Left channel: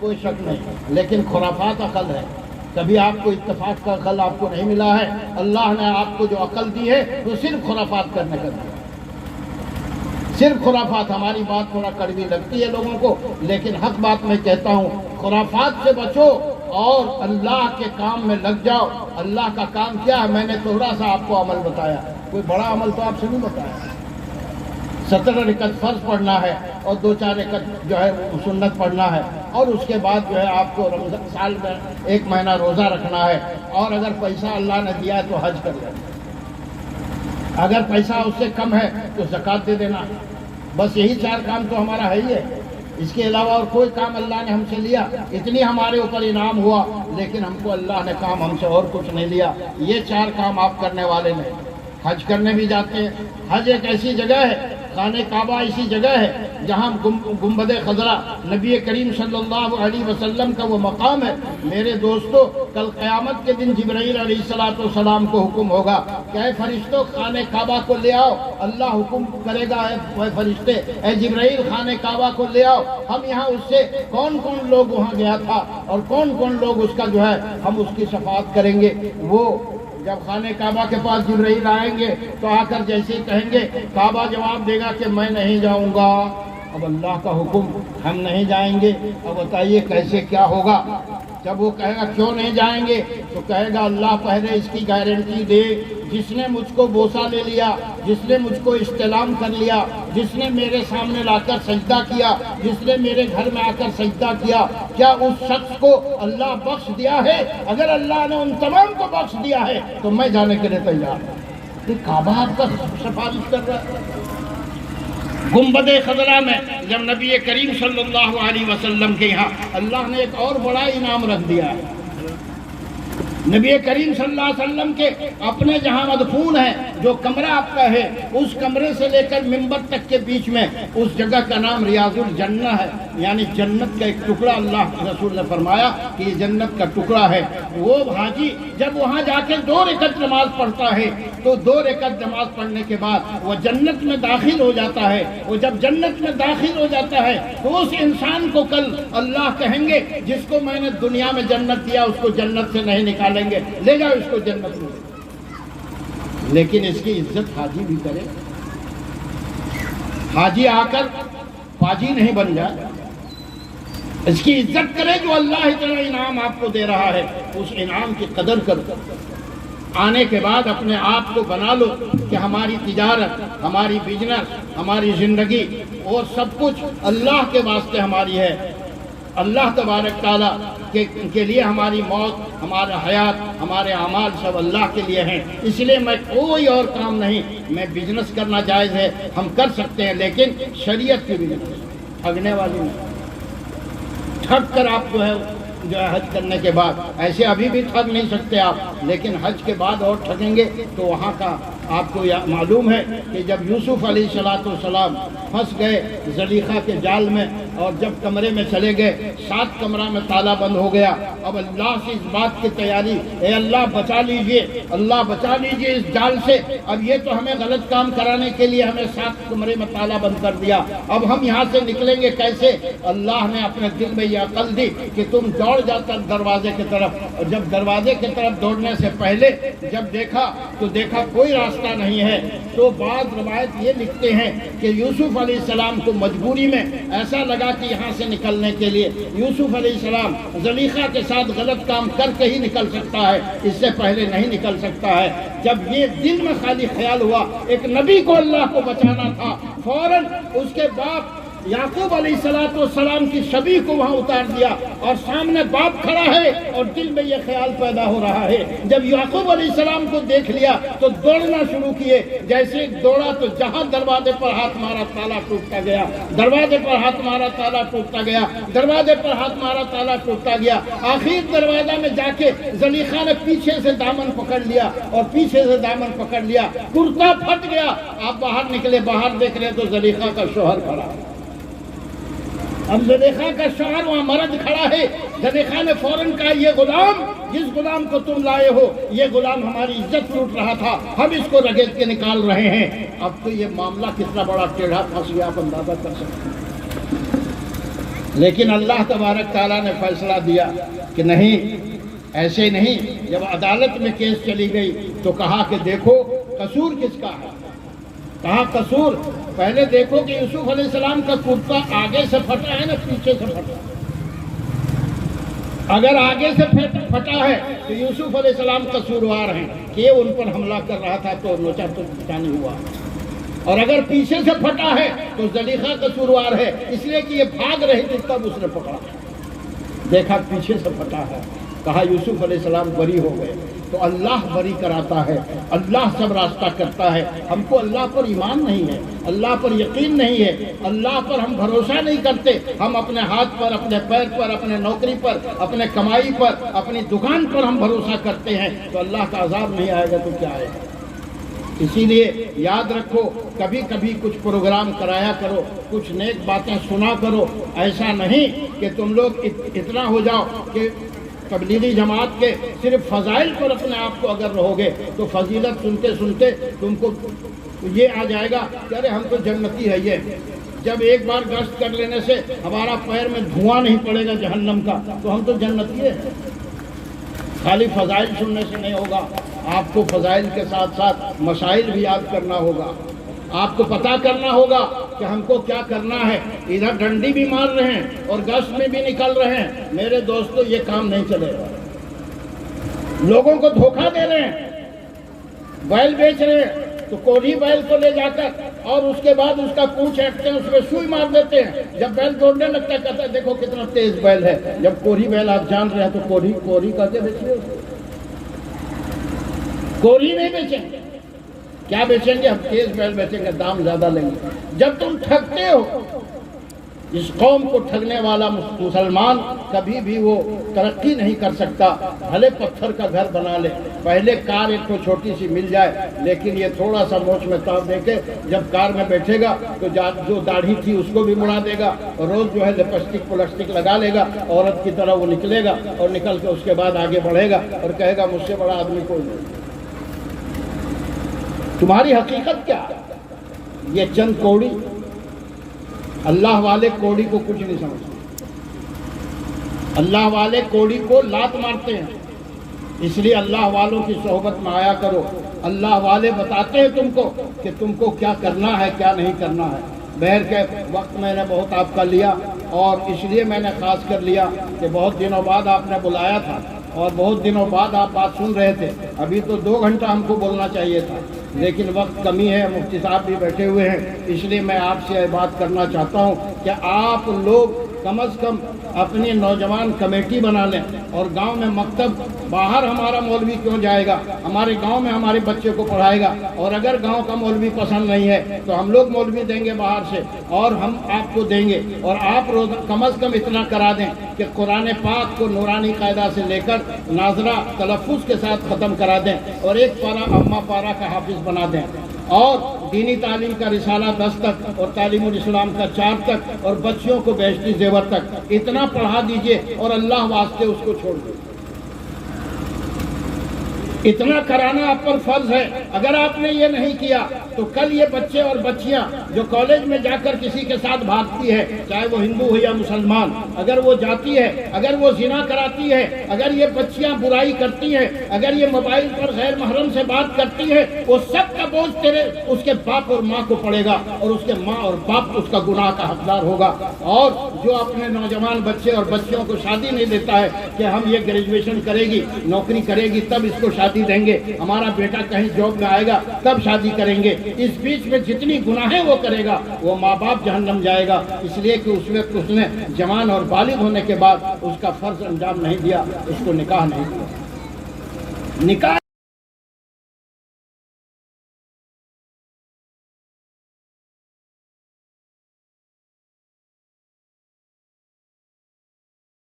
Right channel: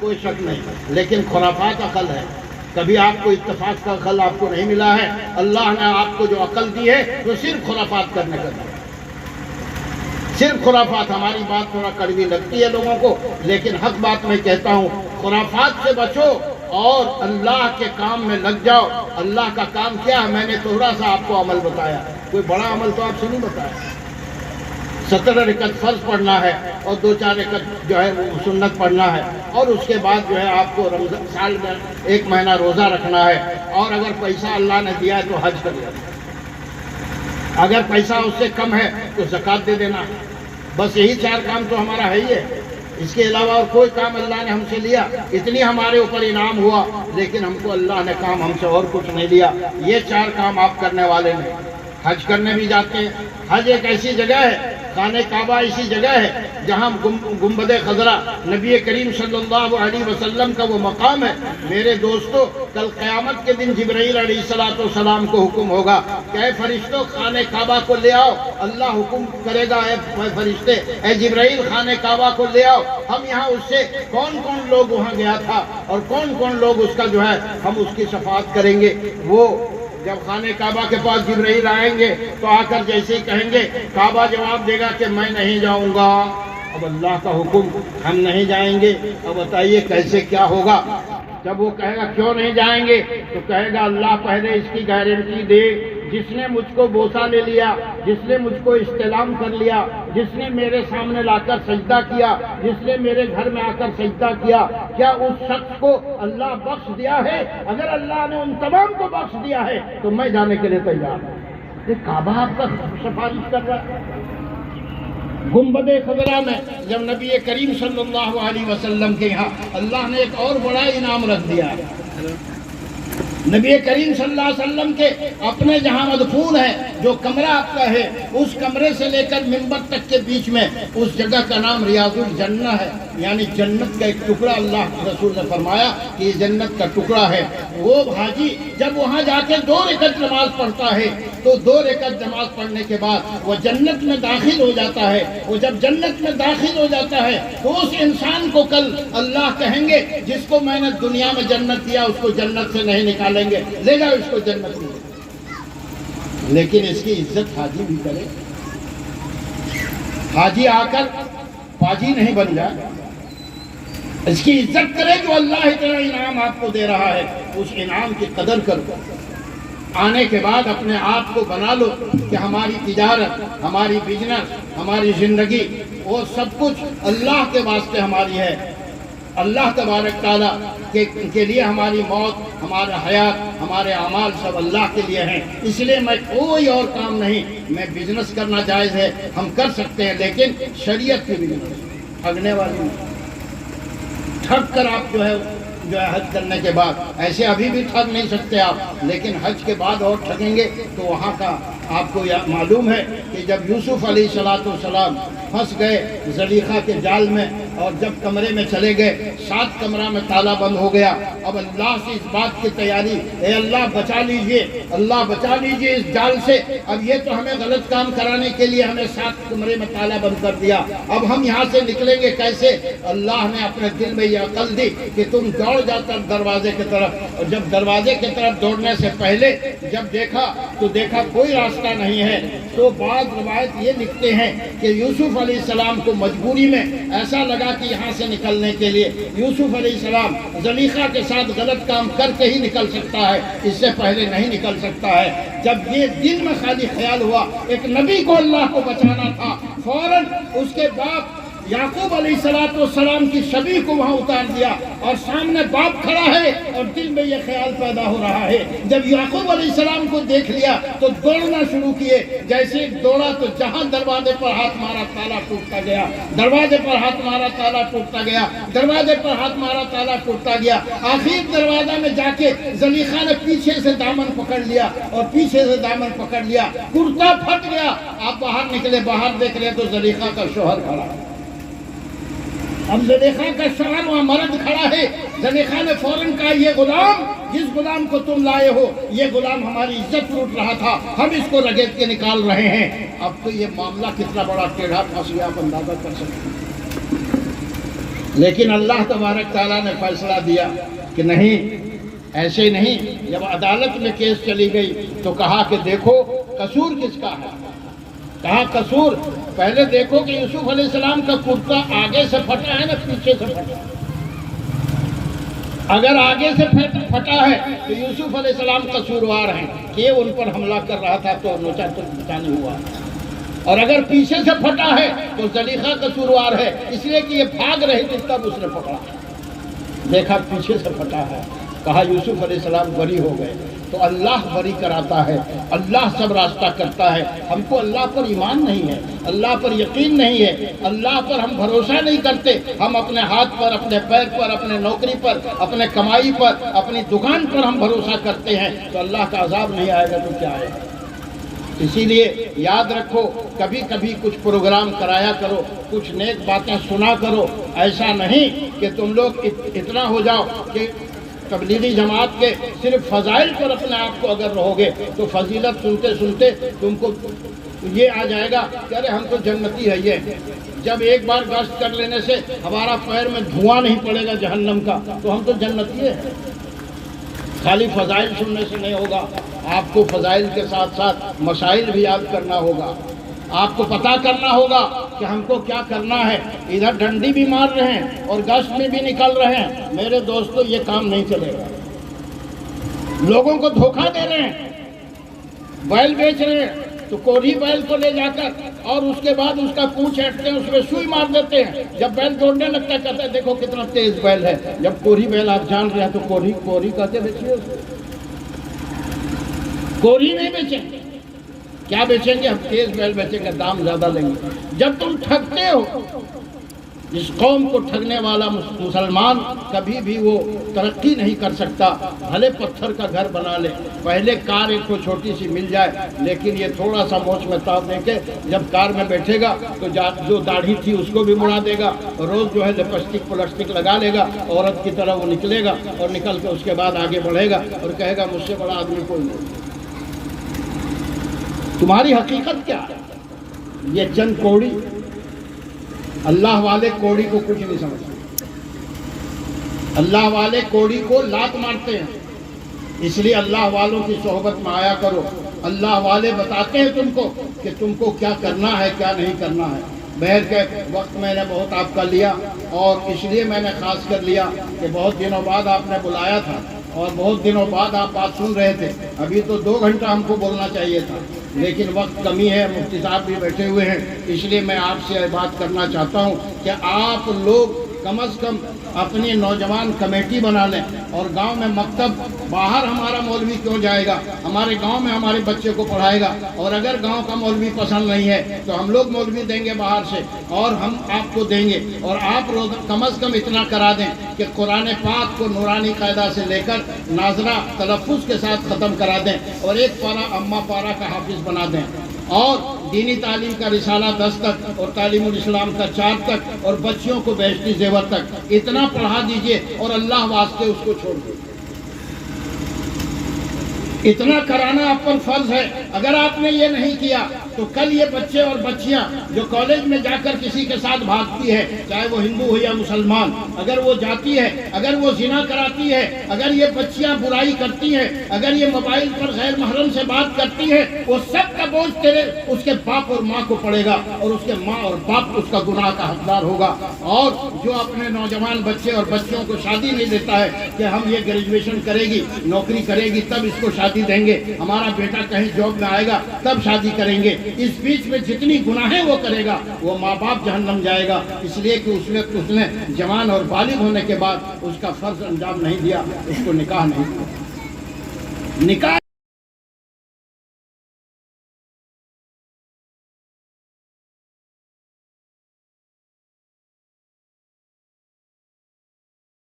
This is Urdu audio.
کوئی شک نہیں، لیکن خرافات عقل ہے. کبھی آپ کو اتفاق کا عقل آپ کو نہیں ملا ہے. اللہ نے آپ کو جو عقل دی ہے وہ صرف خرافات کرنے کا دی ہے، صرف خرافات. ہماری بات تھوڑا کڑوی لگتی ہے لوگوں کو، لیکن حق بات میں کہتا ہوں، خرافات سے بچو اور اللہ کے کام میں لگ جاؤ. اللہ کا کام کیا ہے؟ میں نے تھوڑا سا آپ کو عمل بتایا، کوئی بڑا عمل تو آپ سے نہیں بتایا. 17 رکعت فرض پڑھنا ہے اور 2-4 رکعت جو ہے سنت پڑھنا ہے، اور اس کے بعد جو ہے آپ کو رمضان سال میں 1 مہینہ روزہ رکھنا ہے، اور اگر پیسہ اللہ نے دیا ہے تو حج کر لینا، اگر پیسہ اس سے کم ہے تو زکوٰۃ دے دینا. بس یہی 4 کام تو ہمارا ہے ہی ہے. اس کے علاوہ اور کوئی کام اللہ نے ہم سے لیا. اتنی ہمارے اوپر انعام ہوا، لیکن ہم کو اللہ نے کام ہم سے اور کچھ نہیں لیا. یہ 4 کام آپ کرنے والے نہیں. حج کرنے بھی جاتے ہیں. حج ایک ایسی جگہ ہے، خانہ کعبہ ایسی جگہ ہے جہاں گنبد خضرا نبی کریم صلی اللہ علیہ وسلم کا وہ مقام ہے. میرے دوستو، کل قیامت کے دن جبرائیل علیہ السلام کو حکم ہوگا کہ اے فرشتوں خانہ کعبہ کو لے آؤ. اللہ حکم کرے گا، اے فرشتے، اے جبرائیل خانہ کعبہ کو لے آؤ. ہم یہاں اس سے کون کون لوگ وہاں گیا تھا اور کون کون لوگ اس کا جو ہے ہم اس کی شفاعت کریں گے. وہ جب خانہ کعبہ کے پاس جبرائیل آئیں گے تو آ کر جیسے ہی کہیں گے، کعبہ جواب دے گا کہ میں نہیں جاؤں گا. اب اللہ کا حکم، ہم نہیں جائیں گے. اب بتائیے کیسے کیا ہوگا؟ جب وہ کہے گا کیوں نہیں جائیں گے تو کہے گا اللہ پہلے اس کی گارنٹی دے، جس نے مجھ کو بوسہ لے لیا، جس نے مجھ کو استلام کر لیا، جس نے میرے سامنے لا کر سجدہ کیا، جس نے میرے گھر میں آ کر سجدہ کیا، کیا اس شخص کو اللہ بخش دیا ہے؟ اگر اللہ نے ان تمام کو بخش دیا ہے تو میں جانے کے لیے تیار ہوں. یہ کعبہ آپ کا سفارش کر رہا ہے. گنبد خضرا میں جب نبی کریم صلی اللہ علیہ وسلم کے یہاں اللہ نے ایک اور بڑا انعام رکھ دیا ہے. نبی کریم صلی اللہ علیہ وسلم کے اپنے جہاں مدفون ہے، جو کمرہ آپ کا ہے، اس کمرے سے لے کر منبر تک کے بیچ میں اس جگہ کا نام ریاض الجنہ ہے، یعنی جنت کا ایک ٹکڑا. اللہ رسول نے فرمایا کہ یہ جنت کا ٹکڑا ہے. وہ حاجی جب وہاں جا کے 2 رکعت نماز پڑھتا ہے تو 2 رکعت نماز پڑھنے کے بعد وہ جنت میں داخل ہو جاتا ہے. وہ جب جنت میں داخل ہو جاتا ہے تو اس انسان کو کل اللہ کہیں گے جس کو میں نے دنیا میں جنت دیا اس کو جنت سے نہیں نکالیں گے، لے جاؤ اس کو جنت میں. لیکن اس کی عزت حاجی بھی کرے. حاجی آ کر پاجی نہیں بن جائے، اس کی عزت کرے. جو اللہ اتنا انعام آپ کو دے رہا ہے اس انعام کی قدر کرو. آنے کے بعد اپنے آپ کو بنا لو کہ ہماری تجارت، ہماری بزنس، ہماری زندگی وہ سب کچھ اللہ کے واسطے ہماری ہے. اللہ تبارک تعالیٰ کے لیے ہماری موت، ہمارا حیات، ہمارے اعمال سب اللہ کے لیے ہیں. اس لیے میں کوئی اور کام نہیں. میں بزنس کرنا جائز ہے، ہم کر سکتے ہیں، لیکن شریعت کی بزنس ٹھگنے والی نہیں. ٹھگ کر آپ جو ہے حج کرنے کے بعد ایسے ابھی بھی ٹھگ نہیں سکتے آپ، لیکن حج کے بعد اور ٹھگیں گے تو وہاں کا آپ کو معلوم ہے کہ جب یوسف علیہ السلام پھنس گئے زلیخا کے جال میں اور جب کمرے میں چلے گئے 7 کمرہ میں تالا بند ہو گیا. اب اللہ سے اس بات کی تیاری، اے اللہ بچا لیجئے، اللہ بچا لیجئے اس جال سے. اب یہ تو ہمیں غلط کام کرانے کے لیے ہمیں 7 کمرے میں تالا بند کر دیا. اب ہم یہاں سے نکلیں گے کیسے؟ اللہ نے اپنے دل میں یہ عقل دی کہ تم دوڑ جاتا دروازے کی طرف. اور جب دروازے کی طرف دوڑنے سے پہلے جب دیکھا کوئی راستہ نہیں ہے تو بعض روایت یہ لکھتے ہیں کہ یوسف علیہ السلام کو مجبوری میں ایسا لگا کہ یہاں سے نکلنے کے لیے یوسف علیہ السلام زلیخا کے ساتھ غلط کام کر کے ہی نکل سکتا ہے، اس سے پہلے نہیں نکل سکتا ہے. جب یہ دل میں خالی خیال ہوا ایک نبی کو اللہ کو بچانا تھا، فوراً اس کے باپ یعقوب علیہ السلام کی شبیہ کو وہاں اتار دیا اور سامنے باپ کھڑا ہے اور دل میں یہ خیال پیدا ہو رہا ہے. جب یعقوب علیہ السلام کو دیکھ لیا تو دوڑنا شروع کیے. جیسے دوڑا تو جہاں دروازے پر ہاتھ مارا تالا ٹوٹتا گیا، دروازے پر ہاتھ مارا تالا ٹوٹتا گیا، دروازے پر ہاتھ مارا تالا ٹوٹتا گیا. آخر دروازے میں جا کے زلیخا نے پیچھے سے دامن پکڑ لیا اور پیچھے سے دامن پکڑ لیا، کرتا پھٹ گیا. آپ باہر نکلے، باہر دیکھ رہے تو زلیخا کا شوہر کھڑا ہے. اب زلیخا کا شوہر وہاں مرد کھڑا ہے. زلیخا نے فوراً کہا یہ غلام، جس غلام کو تم لائے ہو یہ غلام ہماری عزت لوٹ رہا تھا، ہم اس کو رگیت کے نکال رہے ہیں. اب تو یہ معاملہ کتنا بڑا ٹیڑھا پھنس گیا آپ اندازہ کر سکتے ہیں. لیکن اللہ تبارک تعالیٰ نے فیصلہ دیا کہ نہیں، ایسے نہیں۔ جب عدالت میں کیس چلی گئی تو کہا کہ دیکھو قصور کس کا ہے۔ کہا قصور پہلے دیکھو کہ یوسف علیہ السلام کا کرتا آگے سے پھٹا ہے نا پیچھے سے پھٹا۔ اگر آگے سے پھٹا ہے تو یوسف علیہ السلام قصوروار ہیں کہ یہ ان پر حملہ کر رہا تھا تو لوچا تو نہیں ہوا، اور اگر پیچھے سے پھٹا ہے تو زلیخا قصوروار ہے، اس لیے کہ یہ بھاگ رہی تھی تب اس نے پکڑا۔ دیکھا پیچھے سے پھٹا ہے، کہا یوسف علیہ السلام بری ہو گئے۔ تو اللہ بری کراتا ہے، اللہ سب راستہ کرتا ہے۔ ہم کو اللہ پر ایمان نہیں ہے، اللہ پر یقین نہیں ہے، اللہ پر ہم بھروسہ نہیں کرتے۔ ہم اپنے ہاتھ پر، اپنے پیر پر، اپنے نوکری پر، اپنے کمائی پر، اپنی دکان پر ہم بھروسہ کرتے ہیں تو اللہ کا عذاب نہیں آئے گا تو کیا آئے گا؟ اسی لیے یاد رکھو، کبھی کبھی کچھ پروگرام کرایا کرو، کچھ نیک باتیں سنا کرو۔ ایسا نہیں کہ تم لوگ اتنا ہو جاؤ کہ تبلیغی جماعت کے صرف فضائل پر اپنے آپ کو اگر رہو گے تو فضیلت سنتے سنتے تم کو یہ آ جائے گا کہ ارے ہم تو جنتی ہے۔ یہ جب ایک بار گشت کر لینے سے ہمارا پیر میں دھواں نہیں پڑے گا جہنم کا تو ہم تو جنتی ہے۔ خالی فضائل سننے سے نہیں ہوگا، آپ کو فضائل کے ساتھ ساتھ مسائل بھی یاد کرنا ہوگا۔ آپ کو پتہ کرنا ہوگا کہ ہم کو کیا کرنا ہے۔ ادھر ڈنڈی بھی مار رہے ہیں اور گشت میں بھی نکل رہے ہیں، میرے دوستو یہ کام نہیں چلے گا۔ لوگوں کو دھوکہ دے رہے ہیں، بیل بیچ رہے ہیں تو کوڑھی بیل کو لے جا کر اور اس کے بعد اس کا پونچھ ہٹتے ہیں، اس میں سوئی مار دیتے ہیں۔ جب بیل دوڑنے لگتا ہے کہتے ہیں دیکھو کتنا تیز بیل ہے۔ جب کوڑھی بیل آپ جان رہے ہیں تو کوڑھی کہتے دیکھیے، کوڑھی نہیں بیچیں گے۔ کیا بیچیں گے؟ ہم تیز بیل بیچیں گے، دام زیادہ لیں گے۔ جب تم ٹھگتے ہو، اس قوم کو ٹھگنے والا مسلمان کبھی بھی وہ ترقی نہیں کر سکتا۔ بھلے پتھر کا گھر بنا لے، پہلے کار ایک کو چھوٹی سی مل جائے، لیکن یہ تھوڑا سا موچ میں تاب دے کے جب کار میں بیٹھے گا تو جو داڑھی تھی اس کو بھی مڑا دے گا، روز جو ہے لپسٹک پلسٹک لگا لے گا، عورت کی طرح وہ نکلے گا اور نکل کے اس کے بعد آگے بڑھے گا اور کہے گا مجھ سے بڑا آدمی کوئی نہیں۔ تمہاری حقیقت کیا ہے؟ یہ چند کوڑی، اللہ والے کوڑی کو کچھ نہیں سمجھتے۔ اللہ والے کوڑی کو لات مارتے ہیں، اس لیے اللہ والوں کی صحبت میں آیا کرو۔ اللہ والے بتاتے ہیں تم کو کہ تم کو کیا کرنا ہے کیا نہیں کرنا ہے۔ بہر کے وقت میں نے بہت آپ کا لیا، اور اس لیے میں نے خاص کر لیا کہ بہت دنوں بعد آپ نے بلایا تھا اور بہت دنوں بعد آپ بات سن رہے تھے۔ ابھی تو 2 گھنٹہ ہم کو بولنا چاہیے تھا، لیکن وقت کمی ہے، مفتی صاحب بھی بیٹھے ہوئے ہیں، اس لیے میں آپ سے بات کرنا چاہتا ہوں کہ آپ لوگ کم از کم اپنی نوجوان کمیٹی بنا لیں، اور گاؤں میں مکتب، باہر ہمارا مولوی کیوں جائے گا، ہمارے گاؤں میں ہمارے بچے کو پڑھائے گا۔ اور اگر گاؤں کا مولوی پسند نہیں ہے تو ہم لوگ مولوی دیں گے باہر سے، اور ہم آپ کو دیں گے، اور آپ روز کم از کم اتنا کرا دیں کہ قرآن پاک کو نورانی قاعدہ سے لے کر ناظرہ تلفظ کے ساتھ ختم کرا دیں، اور 1 پارہ اما پارہ کا حافظ بنا دیں، اور دینی تعلیم کا رسالہ 10 تک اور تعلیم الاسلام کا 4 تک، اور بچیوں کو بہشتی زیور تک اتنا پڑھا دیجئے، اور اللہ واسطے اس کو چھوڑ دیجئے۔ اتنا کرانا آپ پر فرض ہے۔ اگر آپ نے یہ نہیں کیا تو کل یہ بچے اور بچیاں جو کالج میں جا کر کسی کے ساتھ بھاگتی ہے، چاہے وہ ہندو ہو یا مسلمان، اگر وہ جاتی ہے، اگر وہ زنا کراتی ہے، اگر یہ بچیاں برائی کرتی ہیں، اگر یہ موبائل پر غیر محرم سے بات کرتی ہے، وہ سب کا بوجھ تیرے اس کے باپ اور ماں کو پڑے گا، اور اس کے ماں اور باپ اس کا گناہ کا حقدار ہوگا۔ اور جو اپنے نوجوان بچے اور بچیوں کو شادی نہیں دیتا ہے کہ ہم یہ گریجویشن کرے گی، نوکری کرے گی تب اس کو شادی دیں گے، ہمارا بیٹا کہیں جاب میں آئے گا تب شادی کریں گے، اس بیچ میں جتنی گناہیں وہ کرے گا وہ ماں باپ جہنم جائے گا، اس لیے کہ اس نے جوان اور بالغ ہونے کے بعد اس کا فرض انجام نہیں دیا، اس کو نکاح نہیں دیا۔ نکاح